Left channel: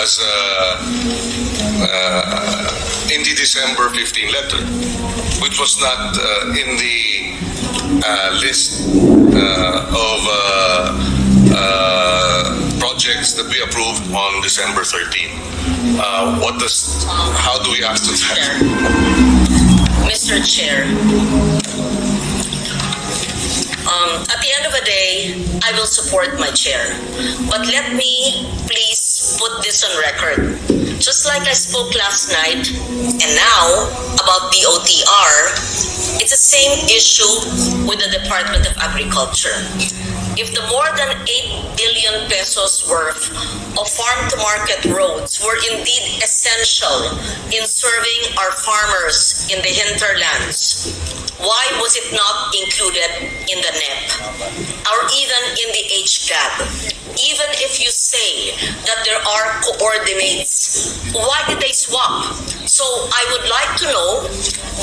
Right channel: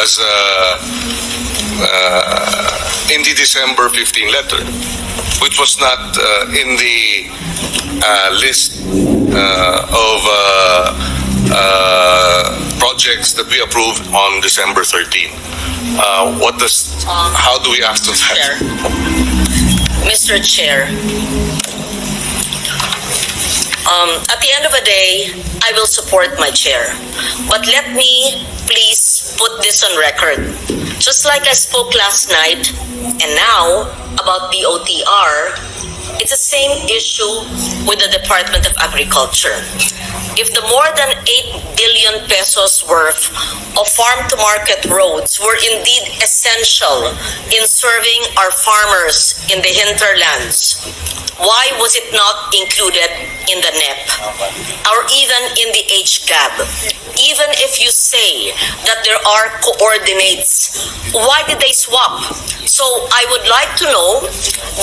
as in the December 15 letter, which was not in the list of projects that we approved on December 13. How do we ask to that? Mr. Chair, at the end of the day, I will support my chair. But let me please put this on record. Just like I spoke last night and now about the OTR, it's the same issue with the Department of Agriculture. If the more than 8 billion pesos worth of farm-to-market roads were indeed essential in serving our farmers in the hinterlands, why was it not included in the NEP or even in the HGAB? Even if you say that there are coordinates, why did they swap? So I would like to know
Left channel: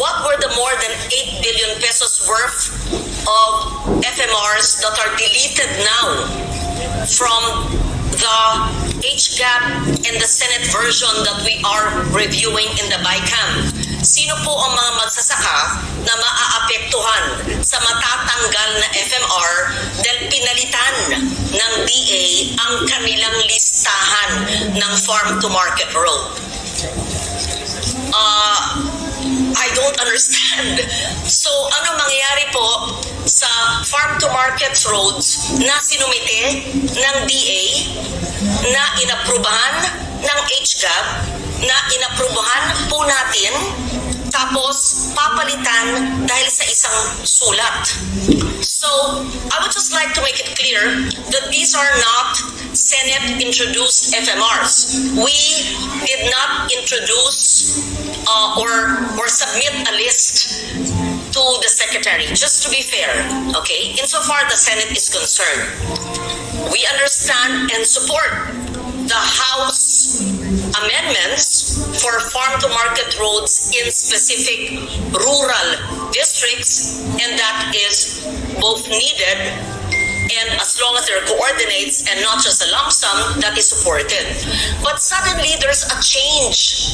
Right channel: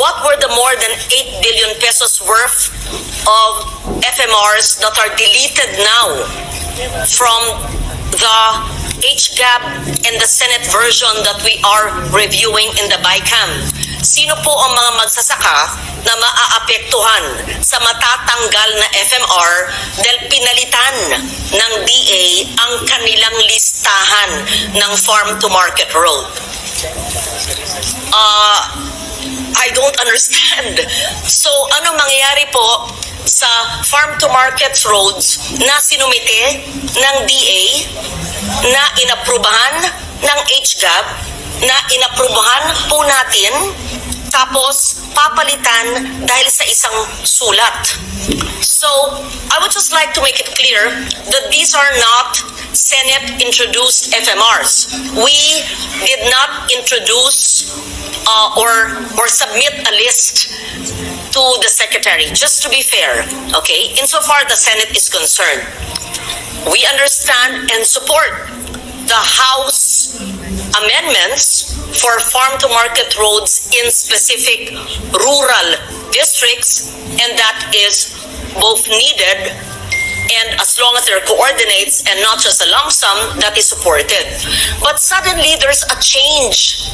what were the more than 8 billion pesos worth of FMRs that are deleted now from the HGAB and the Senate version that we are reviewing in the BICAM. Sino po ang mga magsasaka na maaapektuhan sa matatanggal na FMR dahil pinalitan ng DA ang kanilang listahan ng farm-to-market road? I don't understand. So, ano mangyayari po sa farm-to-market roads na sinumite ng DA, na inaprubahan ng HGAB, na inaprubahan po natin, tapos papalitan dahil sa isang sulat? So, I would just like to make it clear that these are not Senate-introduced FMRs. We did not introduce or submit a list to the Secretary, just to be fair, okay? Insofar the Senate is concerned, we understand and support the House amendments for farm-to-market roads in specific rural districts, and that is both needed, and as long as there are coordinates and not just a lump sum, that is supported. But suddenly there's a change.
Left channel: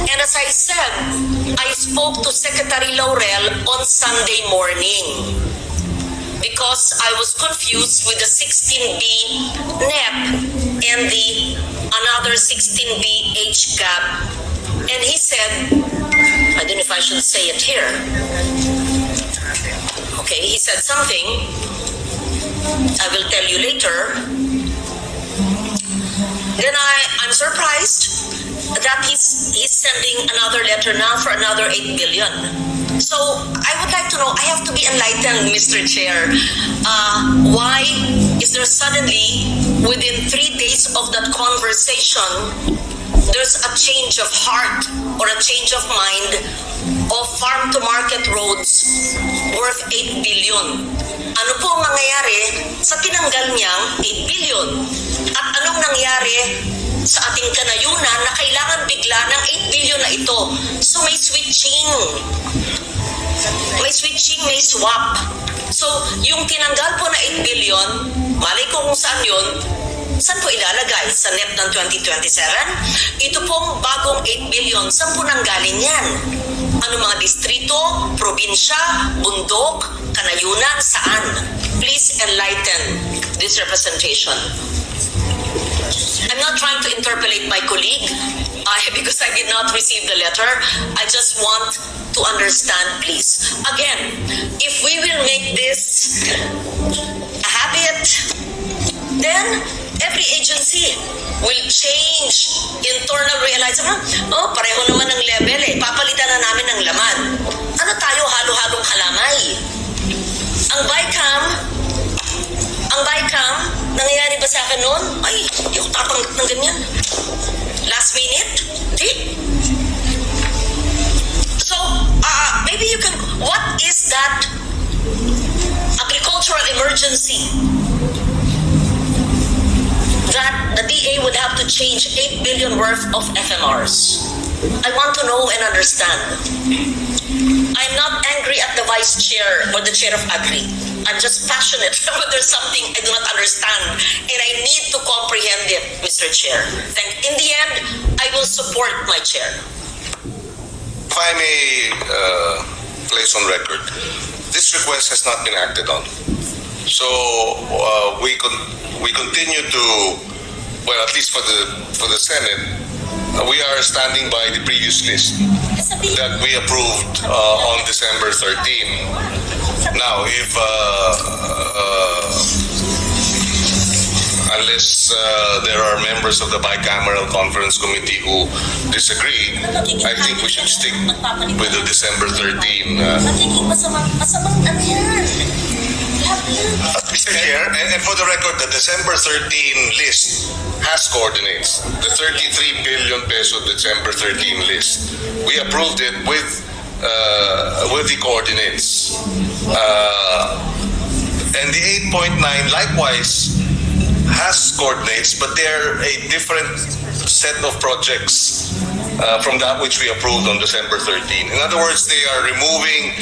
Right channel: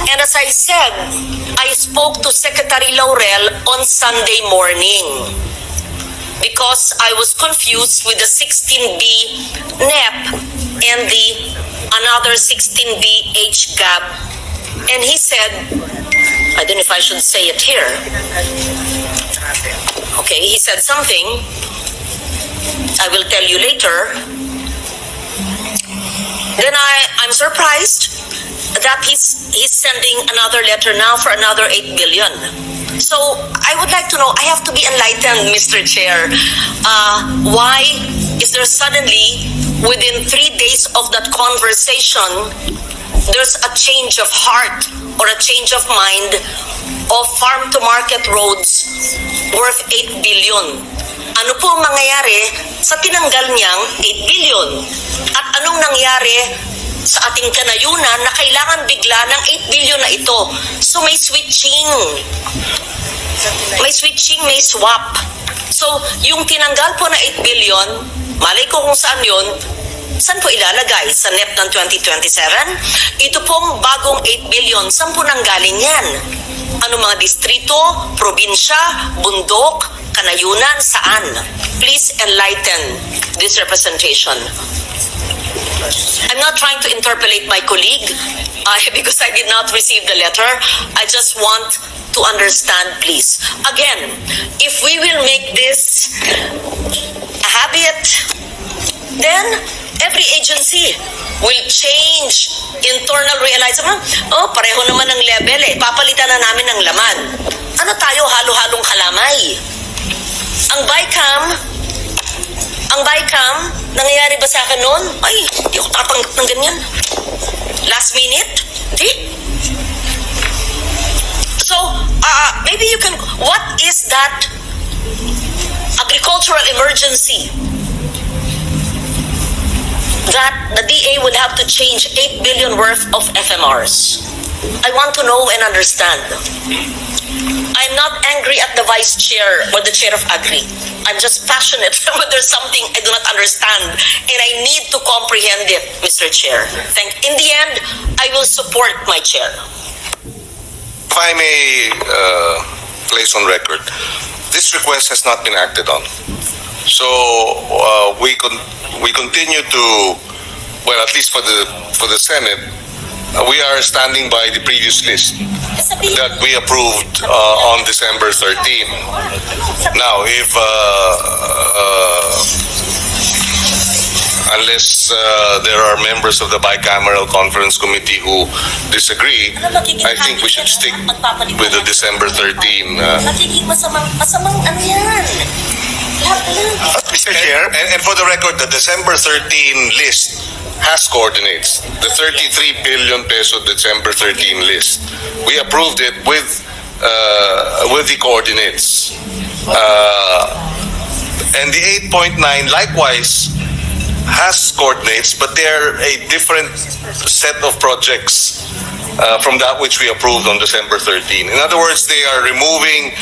And as I said, I spoke to Secretary Laurel on Sunday morning because I was confused with the 16B NEP and the another 16B HGAB. And he said, I don't know if I should say it here. Okay, he said something. I will tell you later. Then I'm surprised that he's sending another letter now for another 8 billion. So I would like to know, I have to be enlightened, Mr. Chair. Why is there suddenly, within 3 days of that conversation, there's a change of heart or a change of mind of farm-to-market roads worth 8 billion? Ano po ang mangyayari sa tinanggal niyang 8 billion? At anong nangyari sa ating kanayunan na kailangan bigla ng 8 billion na ito? So may switching. May switching, may swap. So yung tinanggal po na 8 billion, malay ko kung saan yun, saan po ilalagay? Sa NEP ng 2027? Ito pong bagong 8 billion, saan po nanggaling yan? Ano mga distrito, probinsya, bundok, kanayunan, saan? Please enlighten this representation. I'm not trying to interpolate my colleague because I did not receive the letter. I just want to understand, please. Again, if we will make this a habit, then every agency will change internal realization. Oh, pareho naman ng level eh. Papalitan na namin ng laman. Ano tayo, halo-halong kalamay? Ang BICAM, nangyayari ba sa akin noon? Ay, hindi ako tatanggap ng ganyan. Last minute? Di. So, maybe you can, what is that agricultural emergency that the DA would have to change 8 billion worth of FMRs? I want to know and understand. I'm not angry at the vice chair or the chair of Agri. I'm just passionate when there's something I do not understand and I need to comprehend it, Mr. Chair. In the end, I will support my chair. If I may place on record, this request has not been acted on. So we continue to, well, at least for the Senate, we are standing by the previous list that we approved on December 13. Now, if unless there are members of the bicameral conference committee who disagree, I think we should stick with the December 13. Magiging masamang ano yan? Mr. Chair, and for the record, the December 13 list has coordinates. The 33 billion peso December 13 list. We approved it with the coordinates. And the 8.9 likewise has coordinates, but they're a different set of projects from that which we approved on December 13. In other words, they are removing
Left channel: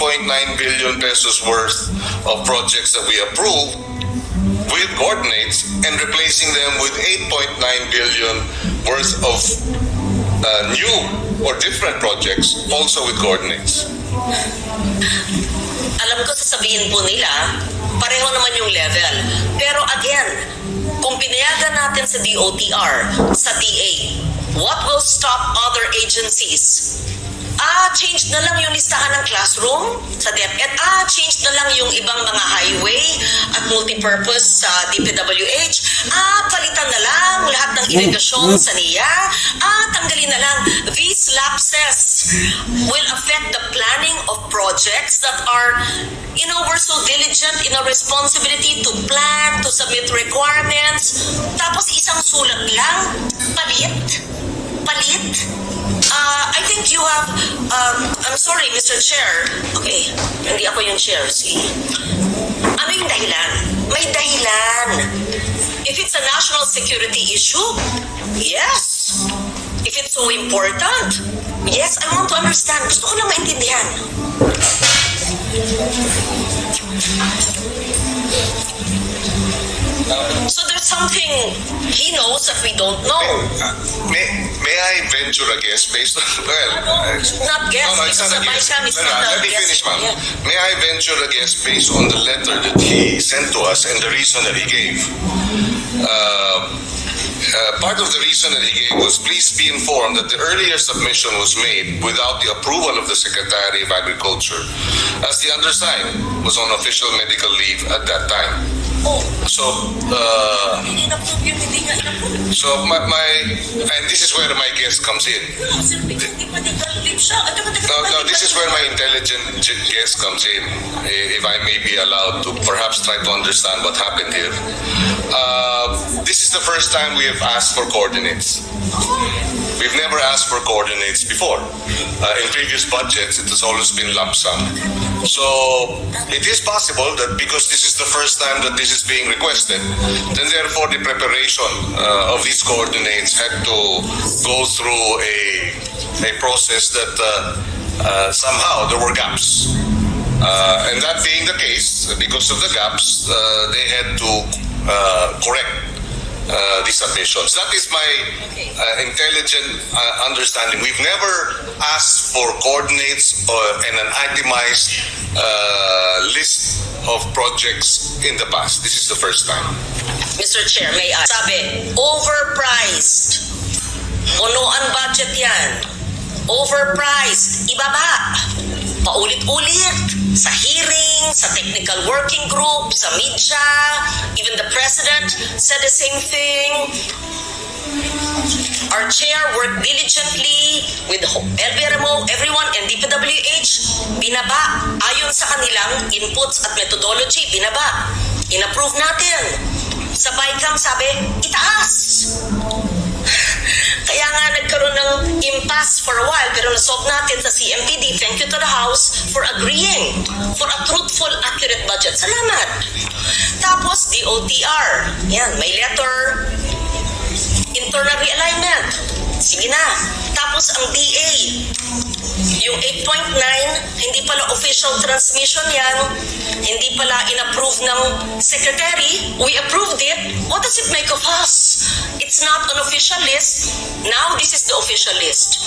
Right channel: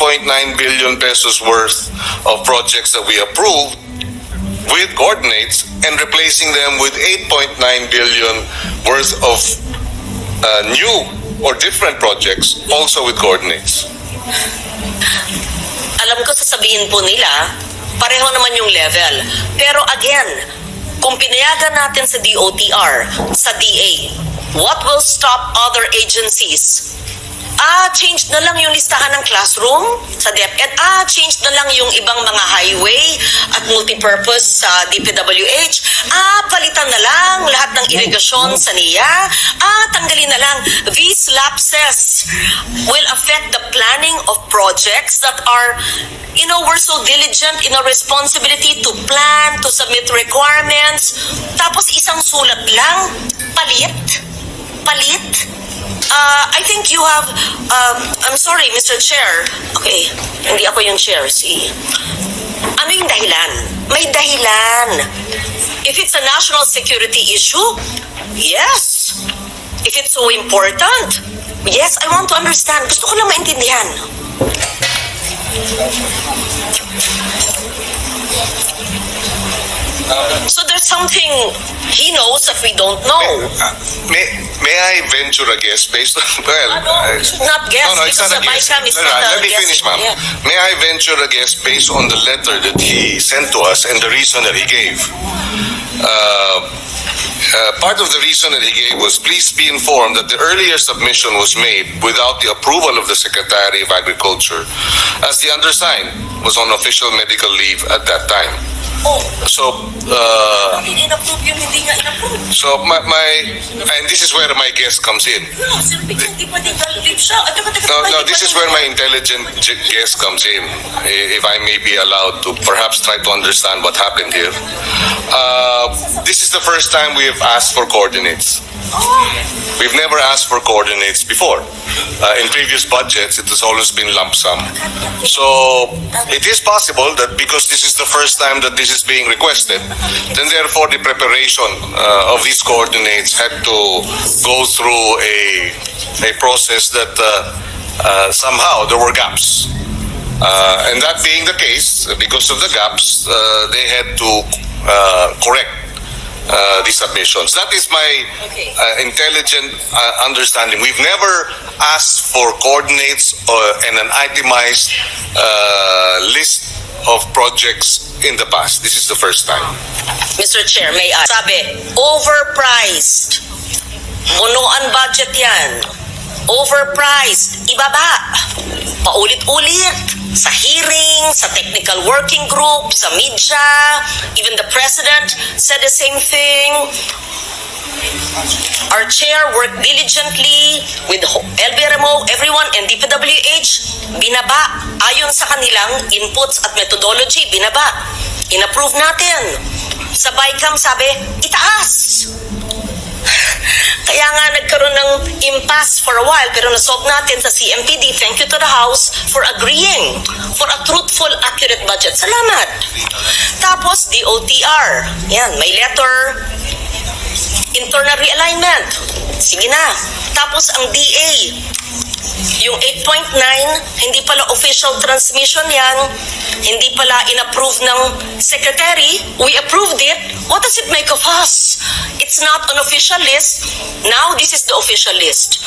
8.9 billion pesos worth of projects that we approved with coordinates and replacing them with 8.9 billion worth of new or different projects also with coordinates. Alam ko sasabihin po nila, pareho naman yung level. Pero again, kung pinayagan natin sa DOTR, sa DA, what will stop other agencies? Change na lang yung listahan ng classroom sa DepEd. Change na lang yung ibang mga highway at multipurpose sa DPWH. Palitan na lang lahat ng irigasyon sa NIA. Tanggalin na lang. These lapses will affect the planning of projects that are, we're so diligent in our responsibility to plan, to submit requirements. Tapos isang sulat lang, palit. I think you have, I'm sorry, Mr. Chair. Okay, hindi ako yung chair. Ano yung dahilan? May dahilan. If it's a national security issue, yes. If it's so important, yes, I want to understand. Gusto ko lang maintindihan. So there's something he knows that we don't know. May I venture a guess based on, Not guess, it's because not a the guess. BICAM is not Let a me guess. finish, ma'am. Yeah. May I venture a guess based on the letter that he sent to us and the reason that he gave? Part of the reason that he gave was, please be informed that the earlier submission was made without the approval of the Secretary of Agriculture, as the undersigned was on official medical leave at that time. So, In-approve yung hindi nga in-approve. so and this is where my guess comes in. No, sir, because hindi pwedeng leave siya. No, this is where my intelligent guess comes in, if I may be allowed to perhaps try to understand what happened here. This is the first time we have asked for coordinates. We've never asked for coordinates before. In previous budgets, it has always been lump sum. So it is possible that because this is the first time that this is being requested, then therefore the preparation of these coordinates had to go through a process that somehow there were gaps. And that being the case, because of the gaps, they had to correct the submissions. That is my intelligent understanding. We've never asked for coordinates and an itemized list of projects in the past. This is the first time. Mr. Chair, may I? Sabi, overpriced. Punuan budget yan. Overpriced. Ibaba. Paulit-ulit. Sa hearing, sa technical working group, sa media, even the president said the same thing. Our chair worked diligently with LBRMO, everyone, and DPWH, binaba. Ayon sa kanilang inputs at methodology, binaba. In-approve natin. Sa BICAM sabi, itaas. Kaya nga nagkaroon ng impasse for a while, pero nasolve natin sa CMPD. Thank you to the House for agreeing for a truthful, accurate budget. Salamat. Tapos, DOTR. Yan, may letter. Internal realignment. Sige na. Tapos, ang DA. Yung 8.9, hindi pala official transmission yan. Hindi pala in-approve ng secretary. We approved it. What does it make of us? It's not an official list. Now this is the official list.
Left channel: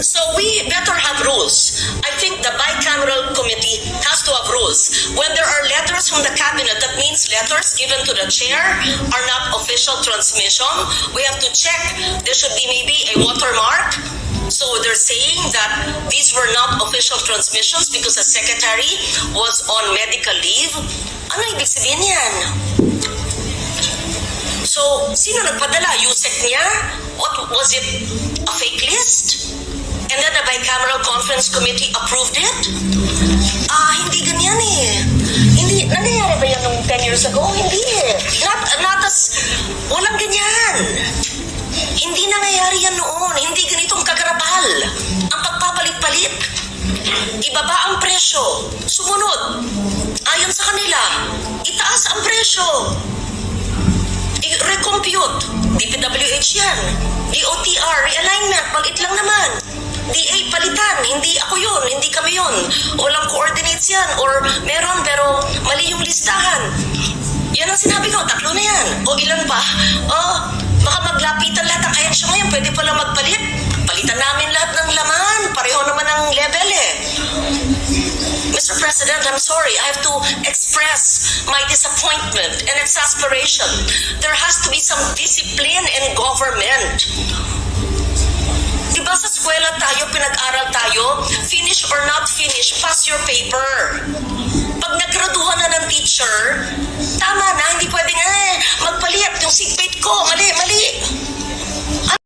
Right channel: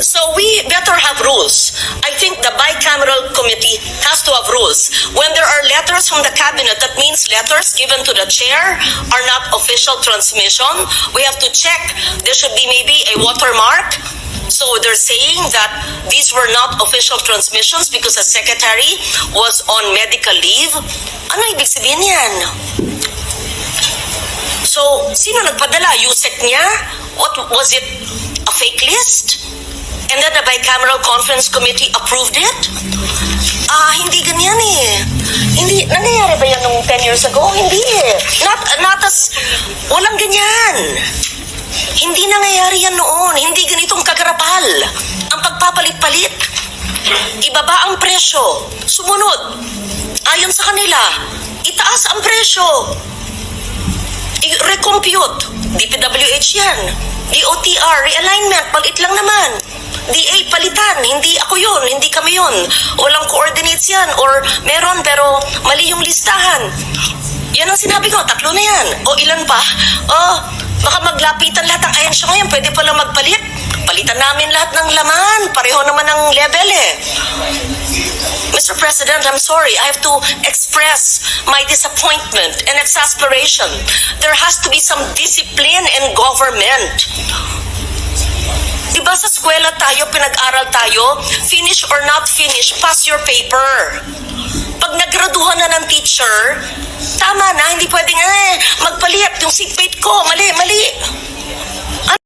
So we better have rules. I think the bicameral committee has to have rules. When there are letters from the cabinet, that means letters given to the chair are not official transmission. We have to check. There should be maybe a watermark. So they're saying that these were not official transmissions because the secretary was on medical leave. Ano ibig sabihin yan? So, sino nagpadala? Yusek niya? What was it? A fake list? And then the bicameral conference committee approved it? Hindi ganyan eh. Hindi, nangyayari ba yan nung 10 years ago? Hindi eh. Not as, walang ganyan. Hindi nangyayari yan noon. Hindi ganitong kagarapal. Ang pagpapalit-palit. Ibaba ang presyo. Sumunod. Ayon sa kanila, itaas ang presyo. I-recompute. DPWH yan. DOTR, realignment, palit lang naman. DA, palitan. Hindi ako yun. Hindi kami yun. Walang coordinates yan. Or meron pero mali yung listahan. Yan ang sinabi ko. 3 na yan. O ilan pa? Baka maglapitan lahat ng ahensya ngayon. Pwede pala magpalit. Palitan namin lahat ng laman. Pareho naman ang level eh. Mr. President, I'm sorry. I have to express my disappointment and exasperation. There has to be some discipline in government. Diba sa eskwela tayo, pinag-aral tayo, finish or not finish, pass your paper. Pag nagraduhan na ng teacher, tama na, hindi pwedeng magpalit yung seatmate ko, mali.